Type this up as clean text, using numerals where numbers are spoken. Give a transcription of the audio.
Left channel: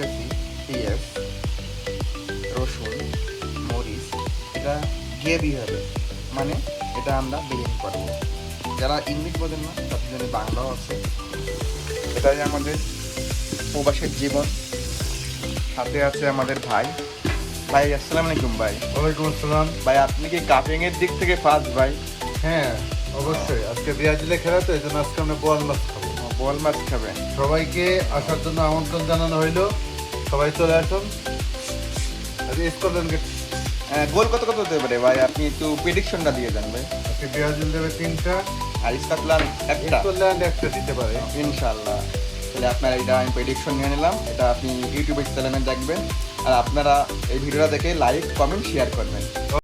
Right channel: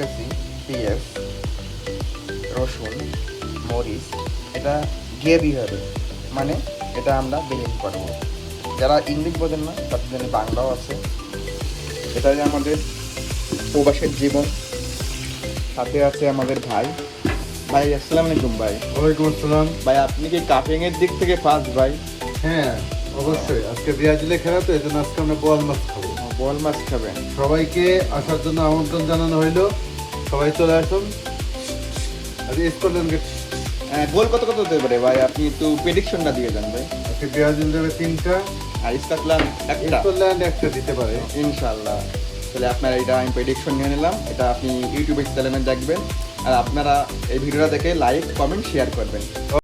রাখতেছি পেঁয়াজ, রসুন, মরিচ। এটা গ্রেভি হবে, মানে এটা আমরা বিরিয়ানি করবো। যারা ইংলিশ বোঝেন না তাদের জন্য বাংলাও আছে। এটা যে আমাদের প্রবাসের জীবন, সাথে আছে আমাদের ভাই। ভাই আসসালামু আলাইকুম। ভাই ওয়ালাইকুম আসসালাম। ভাই আপনি কি কাটিং এর দিক থেকে ফার্স্ট? ভাই হ্যাঁ, অবশ্যই আজকে ব্রাজিলে খেলা তো, এই জন্য আজকে আমরা বোয়াল মাছ খাবো। বোয়াল মাছ খাবেন? সবাইকে আসার জন্য আমন্ত্রণ জানানো হইলো, সবাই চলে আসুন। আজকে স্কটল্যান্ড গোল কত কত হতে পারে ভাই? আপনি একটু প্রেডিকশনটা দিয়ে দেন ভাই। আজকে ব্রাজিল দেবে 3টা, আর স্কটল্যান্ড একটা, স্কটল্যান্ড 1টা দিতে পারে ইনশাআল্লাহ। তাহলে আপনার এটা আমি প্রেডিকশন নিয়ে নিলাম, এটা আপনি ইউটিউবে চ্যানেলে দেখবেন। আর আপনারা এই ভিডিওটা দেখে লাইক, কমেন্ট, শেয়ার করবেন।